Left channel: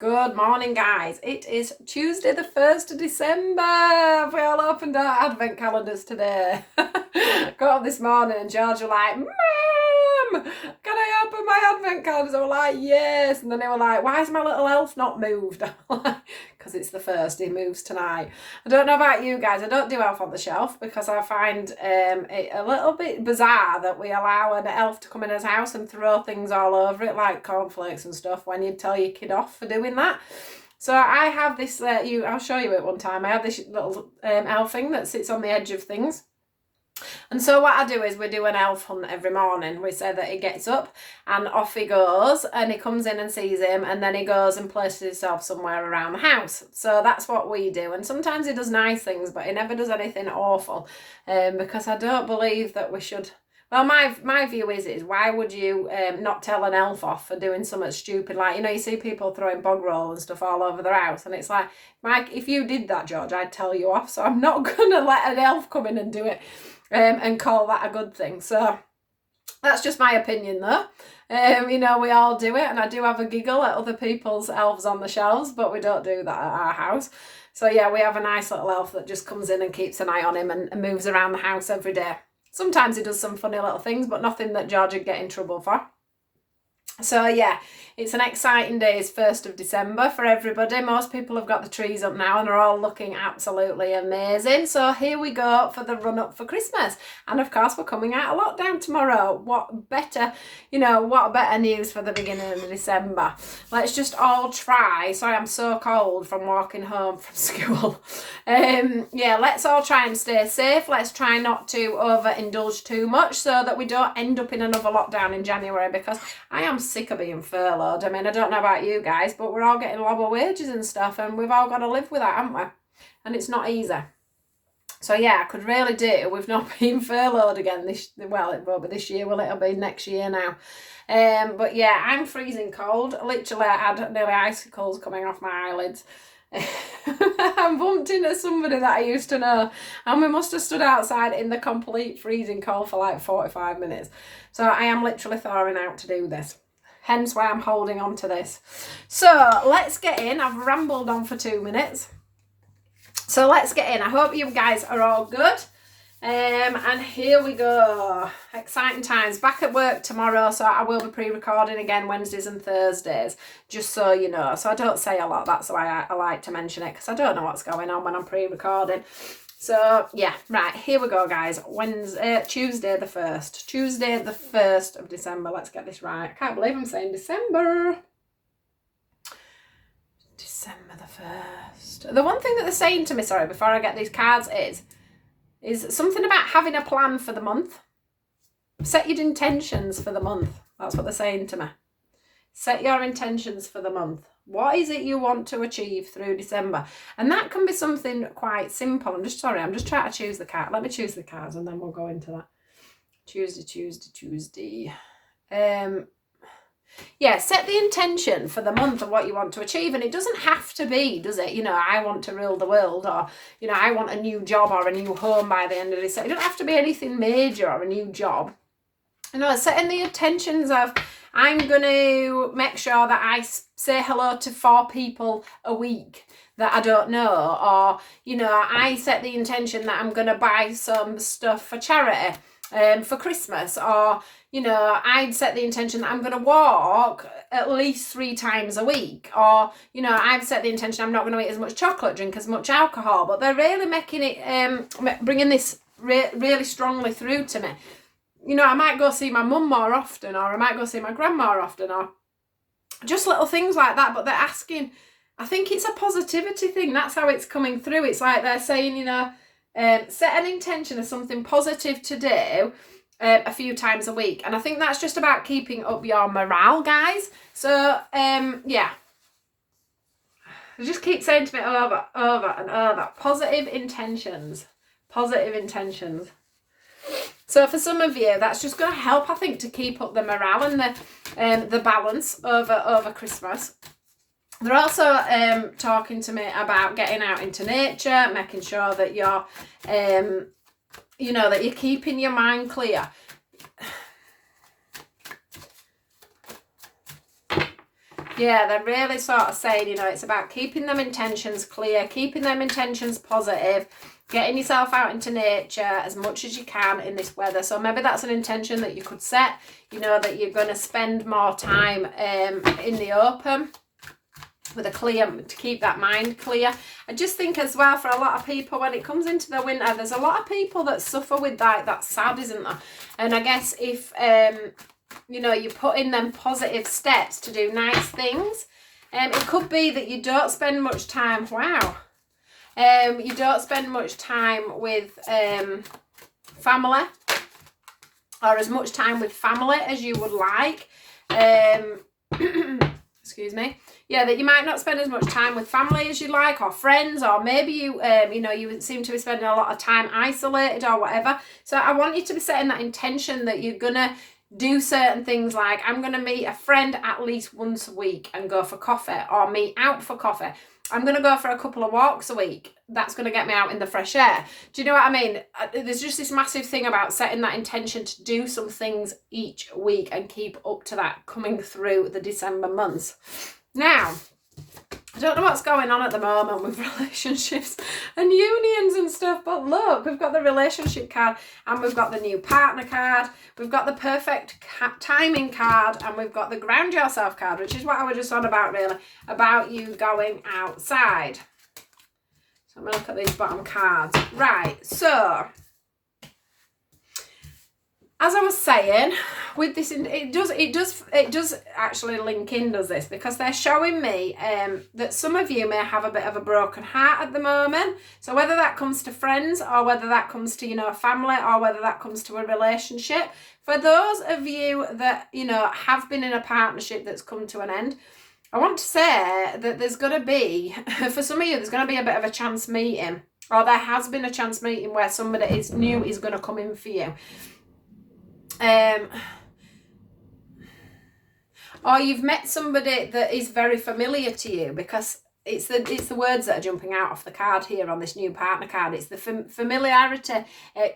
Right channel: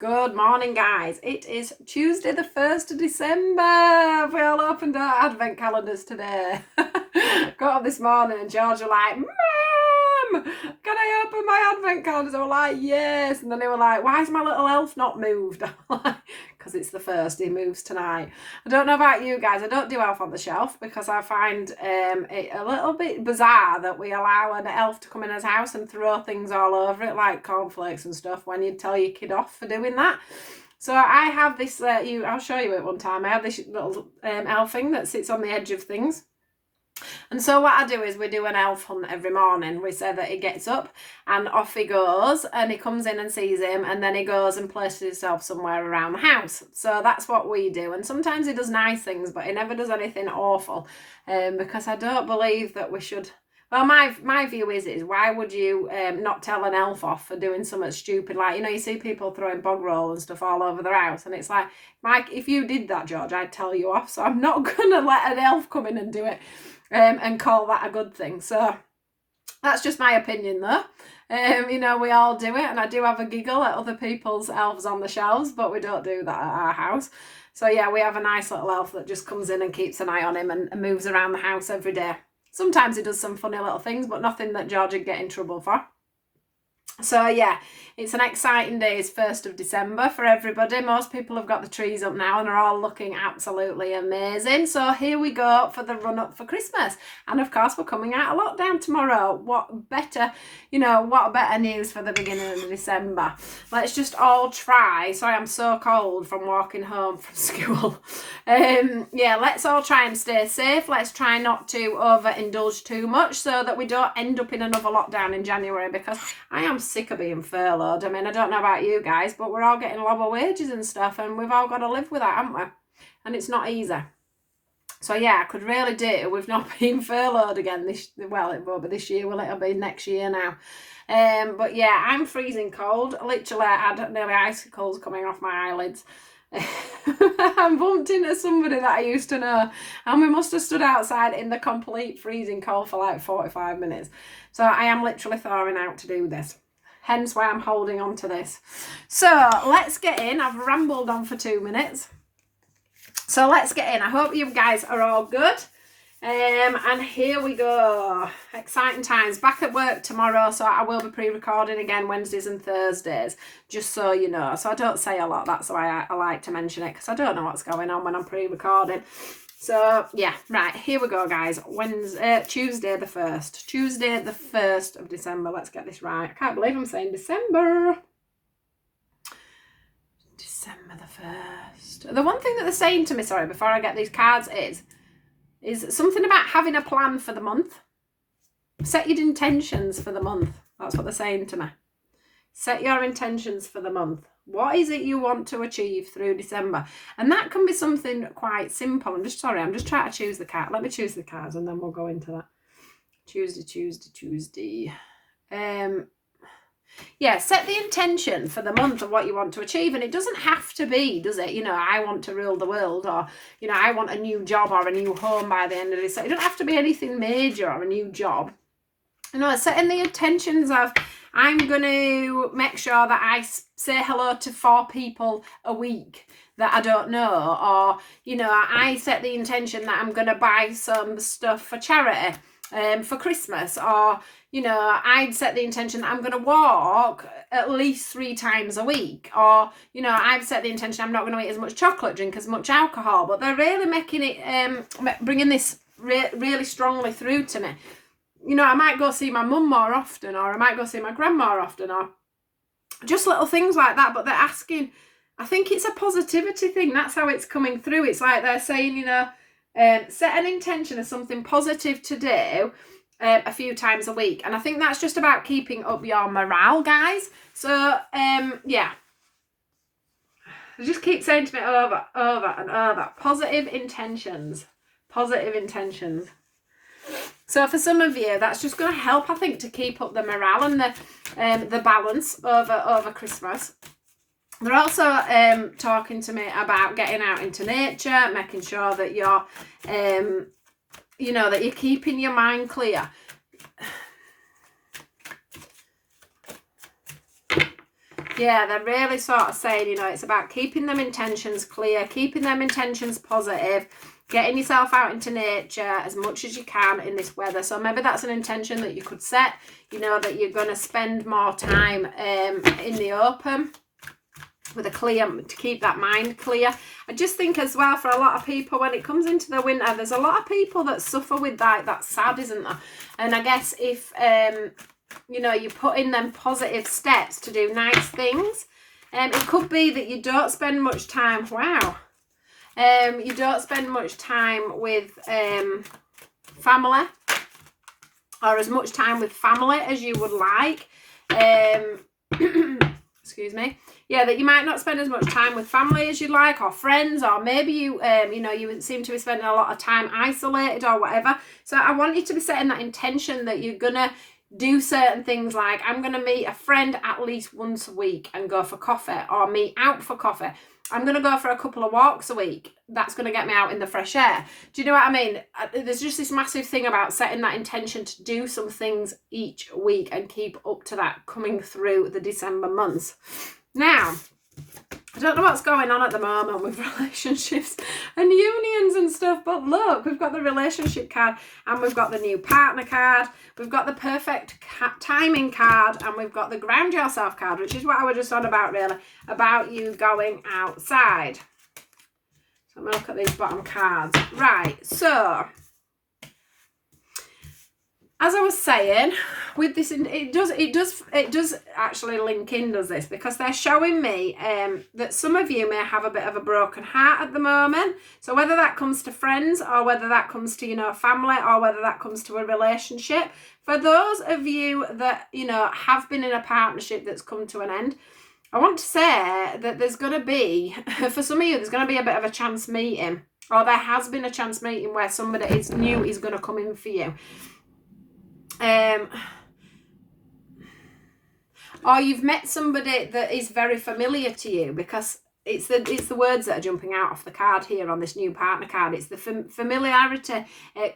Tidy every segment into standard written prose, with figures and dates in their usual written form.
Good morning, guys. It is Tuesday, the 1st of December. We all opened our advent calendars today. Got up this morning and George were like, Mum, can I open my advent calendars? I was like, yes. And then they were like, why is my little elf not moved? Because it's the 1st, he moves tonight. I don't know about you guys. I don't do elf on the shelf because I find it a little bit bizarre that we allow an elf to come in his house and throw things all over it like cornflakes and stuff when you tell your kid off for doing that. So I have this, I'll show you it one time. I have this little elf thing that sits on the edge of things. And so what I do is we do an elf hunt every morning. We say that he gets up and off he goes and he comes in and sees him and then he goes and places himself somewhere around the house. So that's what we do. And sometimes he does nice things, but he never does anything awful because I don't believe that we should... Well, my view is why would you not tell an elf off for doing something stupid? Like, you know, you see people throwing bog roll and stuff all over their house. And it's like, Mike, if you did that, George, I'd tell you off. So I'm not going to let an elf come in and do it. And call that a good thing. So that's just my opinion though. You know, we all do it, and I do have a giggle at other people's elves on the shelves, but we don't do that at our house. So yeah, we have a nice little elf that just comes in and keeps an eye on him and moves around the house every day. Sometimes he does some funny little things, but nothing that George would get in trouble for. So yeah, it's an exciting day. It's 1st of December for everybody. Most people have got the trees up now and they're all looking absolutely amazing. So here we go for the run up for Christmas. And of course, we're coming out of lockdown tomorrow. What better news for the beginning of December? Let's just all try. Sorry, I'm so cold from walking home from school. Yeah, let's all try and stay safe. Let's try not to overindulge too much so that we don't end up in another lockdown in January, because I am sick of being furloughed. I mean, I don't know about you guys, but we're all getting lower wages and stuff, and we've all got to live with that, haven't we? And it's not easy. So yeah, I could really do with not being furloughed again it won't be this year, will it? It'll be next year now. But yeah, I'm freezing cold. Literally, I had nearly icicles coming off my eyelids. I bumped into somebody that I used to know, and we must have stood outside in the complete freezing cold for like 45 minutes. So I am literally thawing out to do this. Hence why I'm holding on to this. So let's get in. I've rambled on for 2 minutes. So let's get in. I hope you guys are all good. And here we go. Exciting times. Back at work tomorrow, so I will be pre-recording again Wednesdays and Thursdays, just so you know. So I don't say a lot. That's why I like to mention it, because I don't know what's going on when I'm pre-recording. So yeah, right, here we go, guys. Tuesday the 1st. Tuesday the 1st of December. Let's get this right. I can't believe I'm saying December. December the 1st. The one thing that they're saying to me, sorry, before I get these cards is something about having a plan for the month. Set your intentions for the month. That's what they're saying to me. Set your intentions for the month. What is it you want to achieve through December? And that can be something quite simple. I'm just trying to choose the card. Let me choose the cards and then we'll go into that. Tuesday. Yeah, set the intention for the month of what you want to achieve. And it doesn't have to be, does it? You know, I want to rule the world, or, you know, I want a new job or a new home by the end of this. So it doesn't have to be anything major or a new job. You know, setting the intentions of, I'm going to make sure that I say hello to 4 people a week that I don't know. Or, you know, I set the intention that I'm going to buy some stuff for charity for Christmas. Or, you know, I'd set the intention that I'm going to walk at least 3 times a week. Or, you know, I've set the intention I'm not going to eat as much chocolate, drink as much alcohol. But they're really making it, bringing this really strongly through to me. You know, I might go see my mum more often, or I might go see my grandma more often, or just little things like that. But they're asking, I think it's a positivity thing. That's how it's coming through. It's like they're saying, you know, set an intention of something positive to do a few times a week. And I think that's just about keeping up your morale, guys. So, yeah. I just keep saying to me over and over, positive intentions. Positive intentions. So for some of you, that's just going to help, I think, to keep up the morale and the balance over Christmas. They're also talking to me about getting out into nature, making sure that you're, you know, that you're keeping your mind clear. Yeah, they're really sort of saying, you know, it's about keeping them intentions clear, keeping them intentions positive, getting yourself out into nature as much as you can in this weather. So maybe that's an intention that you could set, you know, that you're going to spend more time in the open with a clear, to keep that mind clear. I just think as well, for a lot of people, when it comes into the winter, there's a lot of people that suffer with that sad, isn't there? And I guess if you know, you put in them positive steps to do nice things, it could be that you don't spend much time, you don't spend much time with family, or as much time with family as you would like. Excuse me. Yeah, that you might not spend as much time with family as you like, or friends, or maybe you, you know, you seem to be spending a lot of time isolated or whatever. So I want you to be setting that intention that you're gonna do certain things, like I'm gonna meet a friend at least once a week and go for coffee, or meet out for coffee. I'm gonna go for a couple of walks a week. That's gonna get me out in the fresh air. Do you know what I mean? There's just this massive thing about setting that intention to do some things each week and keep up to that coming through the December months. Now, I don't know what's going on at the moment with relationships and unions and stuff, but look, we've got the relationship card, and we've got the new partner card, we've got the perfect timing card, and we've got the ground yourself card, which is what I was just on about, really, about you going outside. So I'm going to look at these bottom cards. Right, so as I was saying, with this, it does actually link in, does this, because they're showing me that some of you may have a bit of a broken heart at the moment. So whether that comes to friends, or whether that comes to, you know, family, or whether that comes to a relationship, for those of you that, you know, have been in a partnership that's come to an end, I want to say that there's going to be, for some of you, there's going to be a bit of a chance meeting, or there has been a chance meeting where somebody is new is going to come in for you. Or you've met somebody that is very familiar to you, because it's the words that are jumping out off the card here on this new partner card. It's the familiarity,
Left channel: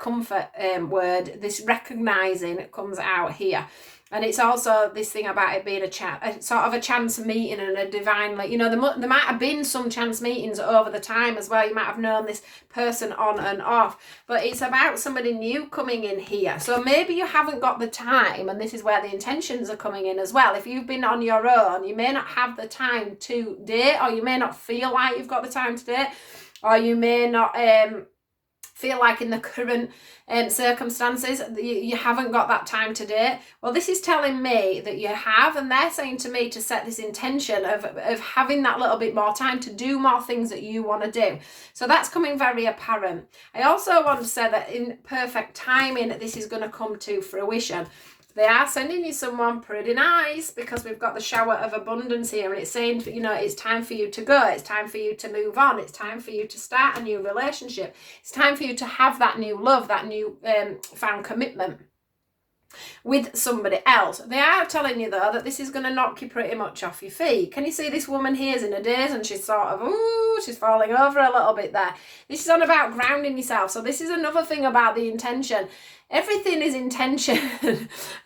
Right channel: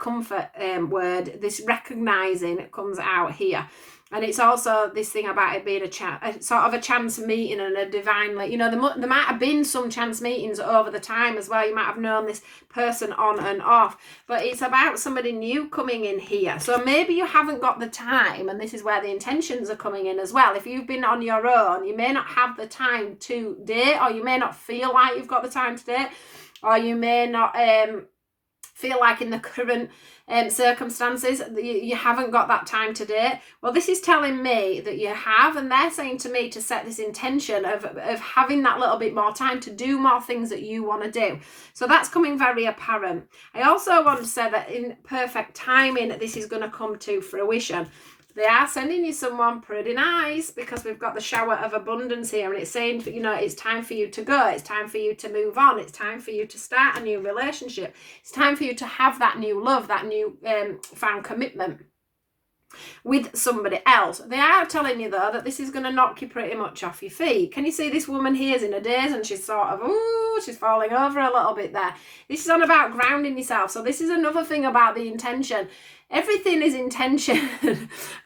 comfort word. This recognising comes out here. And it's also this thing about it being a sort of a chance meeting and a divine, like, you know, there might have been some chance meetings over the time as well. You might have known this person on and off, but it's about somebody new coming in here. So maybe you haven't got the time, and this is where the intentions are coming in as well. If you've been on your own, you may not have the time to date, or you may not feel like you've got the time to date, or you may not feel like in the current circumstances you haven't got that time to date. Well, this is telling me that you have, and they're saying to me to set this intention of having that little bit more time to do more things that you want to do. So that's coming very apparent. I also want to say that in perfect timing, this is going to come to fruition. They are sending you someone pretty nice, because we've got the shower of abundance here, and it's saying, you know, it's time for you to go, it's time for you to move on, it's time for you to start a new relationship, it's time for you to have that new love, that new found commitment with somebody else. They are telling you, though, that this is going to knock you pretty much off your feet. Can you see this woman here is in a daze, and she's sort of, she's falling over a little bit there. This is on about grounding yourself. So this is another thing about the intention. Everything is intention.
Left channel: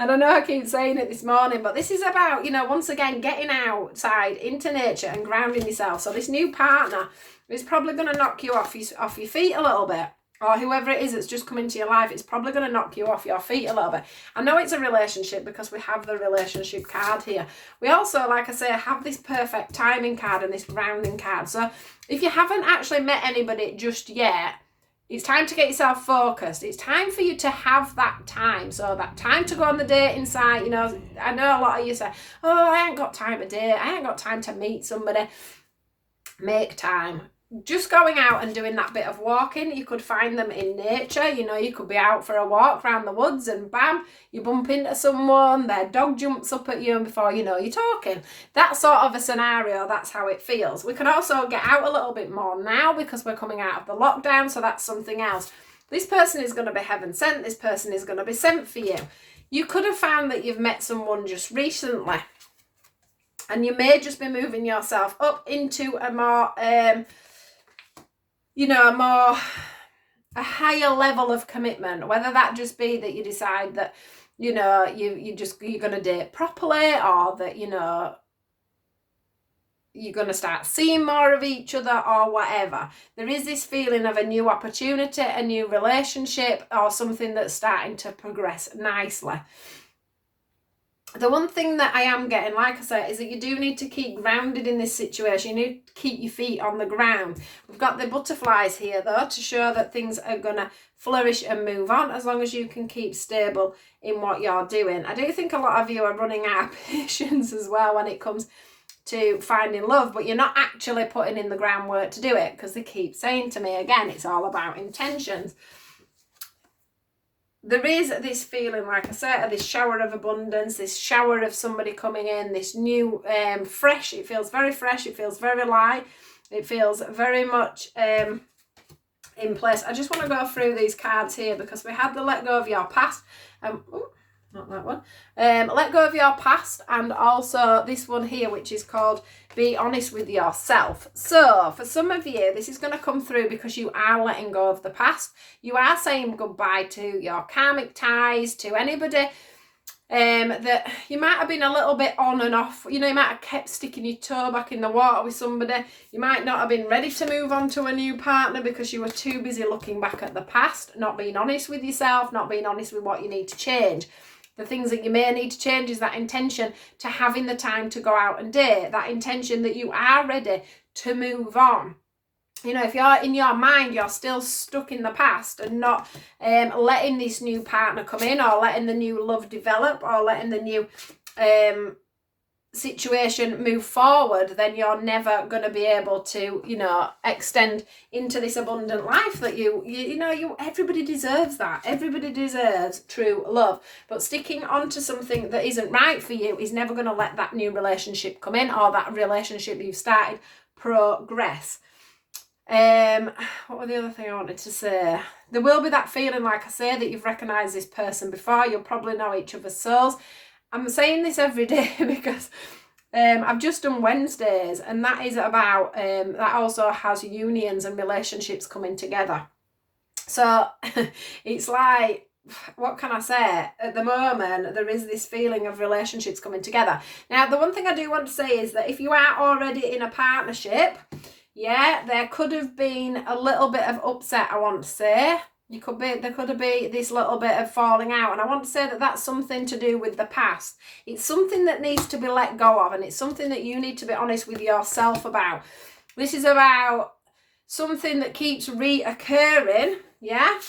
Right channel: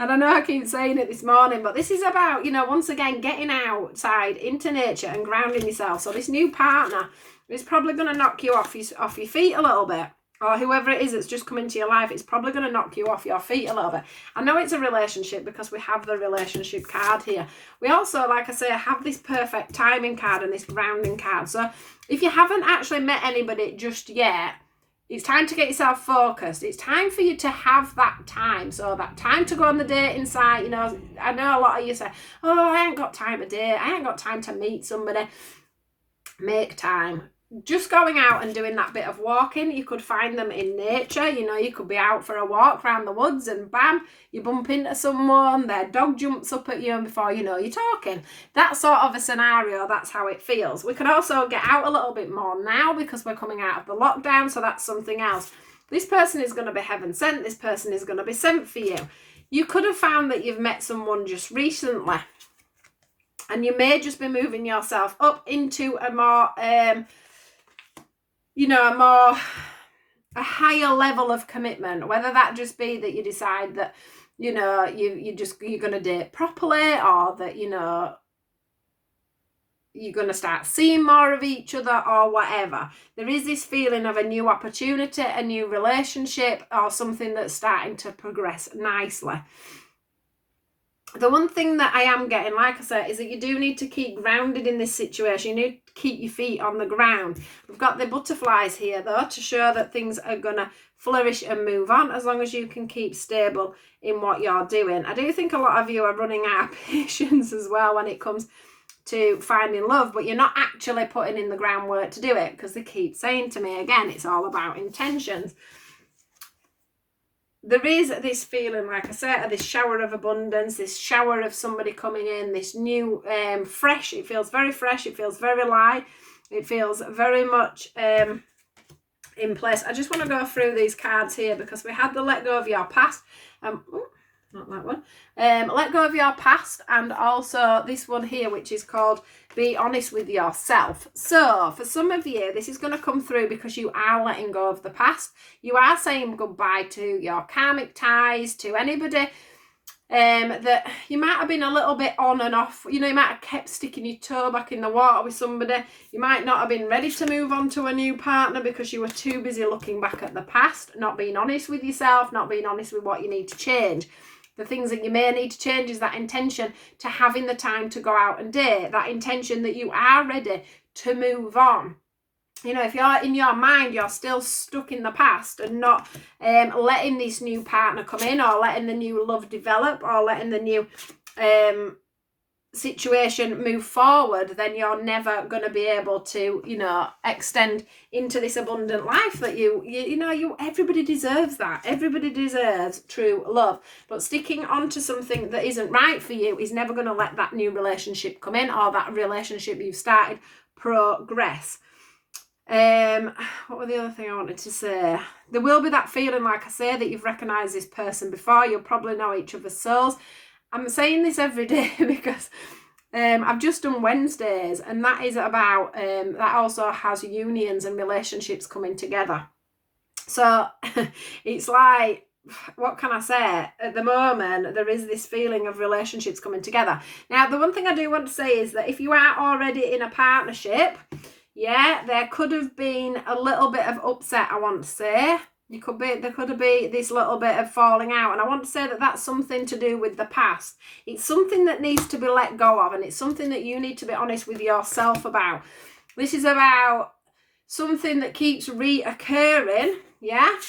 And I know I keep saying it this morning, but this is about, you know, once again, getting outside into nature and grounding yourself. So this new partner is probably going to knock you off your feet a little bit. Or whoever it is that's just come into your life, it's probably going to knock you off your feet a little bit. I know it's a relationship because we have the relationship card here. We also, like I say, have this perfect timing card and this grounding card. So if you haven't actually met anybody just yet, it's time to get yourself focused. It's time for you to have that time. So that time to go on the dating site, you know, I know a lot of you say, oh, I ain't got time to date. I ain't got time to meet somebody. Make time. Just going out and doing that bit of walking. You could find them in nature. You know, you could be out for a walk around the woods and bam, you bump into someone, their dog jumps up at you, and before you know, you're talking. That sort of a scenario, that's how it feels. We can also get out a little bit more now because we're coming out of the lockdown, so that's something else. This person is going to be heaven sent. This person is going to be sent for you. You could have found that you've met someone just recently, and you may just be moving yourself up into a more you know, a higher level of commitment, whether that just be that you decide that, you know, you're going to date properly, or that, you know, you're going to start seeing more of each other or whatever. There is this feeling of a new opportunity, a new relationship, or something that's starting to progress nicely. The one thing that I am getting, like I said, is that you do need to keep grounded in this situation. You need to keep your feet on the ground. We've got the butterflies here, though, to show that things are going to flourish and move on as long as you can keep stable in what you're doing. I do think a lot of you are running out of patience as well when it comes to finding love, but you're not actually putting in the groundwork to do it, because they keep saying to me, again, it's all about intentions. There is this feeling, like I said, this shower of abundance, this shower of somebody coming in, this new fresh. It feels very fresh, it feels very light, it feels very much in place. I just want to go through these cards here, because we had the let go of your past, not that one, let go of your past, and also this one here, which is called be honest with yourself. So for some of you, this is going to come through because you are letting go of the past. You are saying goodbye to your karmic ties, to anybody that you might have been a little bit on and off. You know, you might have kept sticking your toe back in the water with somebody. You might not have been ready to move on to a new partner because you were too busy looking back at the past, not being honest with yourself, not being honest with what you need to change. The things that you may need to change is that intention to having the time to go out and date, that intention that you are ready to move on. You know, if you're in your mind, you're still stuck in the past and not letting this new partner come in, or letting the new love develop, or letting the new situation move forward, then you're never going to be able to, you know, extend into this abundant life that everybody deserves that. Everybody deserves true love. But sticking on to something that isn't right for you is never going to let that new relationship come in, or that relationship you've started progress. What were the other thing I wanted to say? There will be that feeling, like I say, that you've recognised this person before. You'll probably know each other's souls. I'm saying this every day because I've just done Wednesdays, and that is about, that also has unions and relationships coming together. So it's like, what can I say? At the moment, there is this feeling of relationships coming together. Now, the one thing I do want to say is that if you are already in a partnership, yeah, there could have been a little bit of upset, I want to say. There could have been this little bit of falling out, and I want to say that that's something to do with the past. It's something that needs to be let go of, and it's something that you need to be honest with yourself about. This is about something that keeps reoccurring, yeah?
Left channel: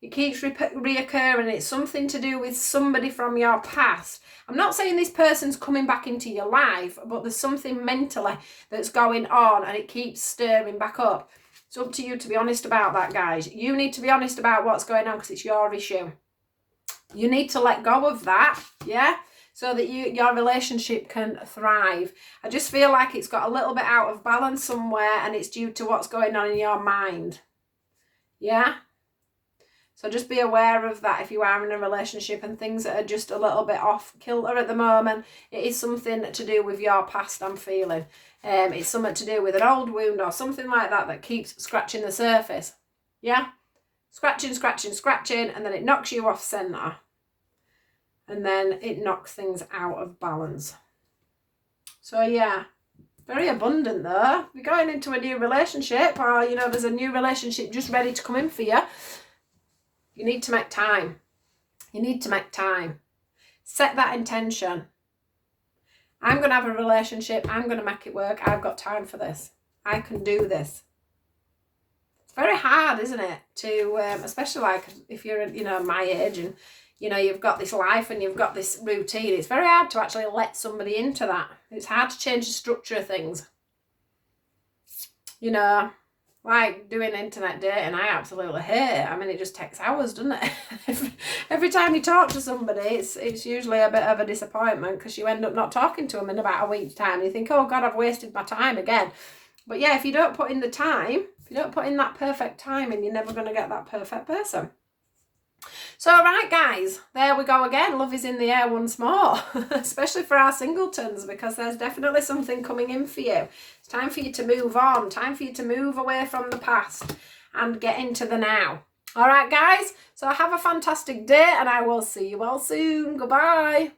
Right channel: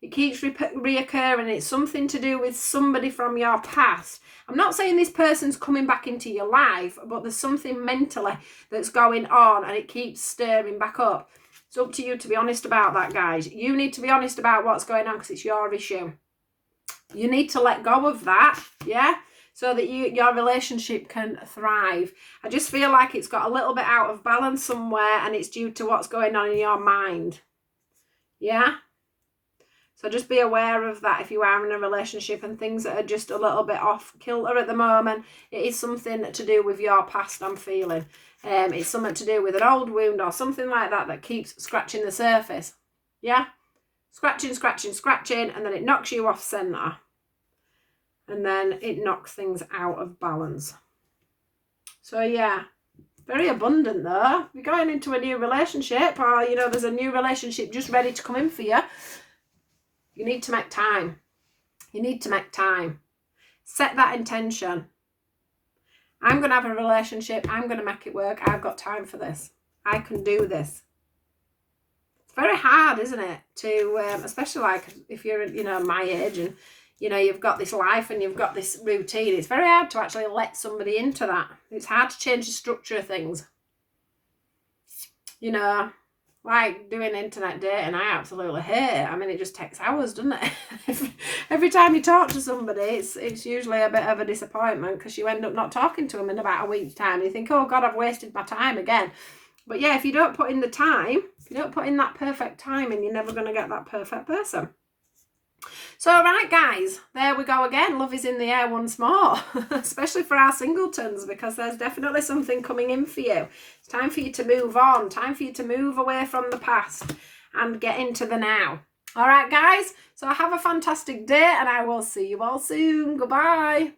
It keeps reoccurring. It's something to do with somebody from your past. I'm not saying this person's coming back into your life, but there's something mentally that's going on, and it keeps stirring back up. It's up to you to be honest about that, guys. You need to be honest about what's going on, because it's your issue. You need to let go of that, yeah? So that your relationship can thrive. I just feel like it's got a little bit out of balance somewhere, and it's due to what's going on in your mind. Yeah? So just be aware of that if you are in a relationship and things that are just a little bit off kilter at the moment. It is something to do with your past, I'm feeling. It's something to do with an old wound or something like that that keeps scratching the surface. Yeah? Scratching, scratching, scratching, and then it knocks you off centre. And then it knocks things out of balance. So yeah, very abundant though. You're going into a new relationship, or, you know, there's a new relationship just ready to come in for you. You need to make time. You need to make time. Set that intention. I'm going to have a relationship. I'm going to make it work. I've got time for this. I can do this. It's very hard, isn't it? To, especially like if you're, you know, my age, and, you know, you've got this life and you've got this routine. It's very hard to actually let somebody into that. It's hard to change the structure of things. You know, like doing internet dating, I absolutely hate it. I mean, it just takes hours, doesn't it? Every time you talk to somebody, it's usually a bit of a disappointment, because you end up not talking to them in about a week's time. You think, oh God, I've wasted my time again. But yeah, if you don't put in the time, if you don't put in that perfect timing, you're never going to get that perfect person. So, right, guys, there we go again. Love is in the air once more, especially for our singletons, because there's definitely something coming in for you. It's time for you to move on, time for you to move away from the past and get into the now. All right, guys, so have a fantastic day, and I will see you all soon. Goodbye.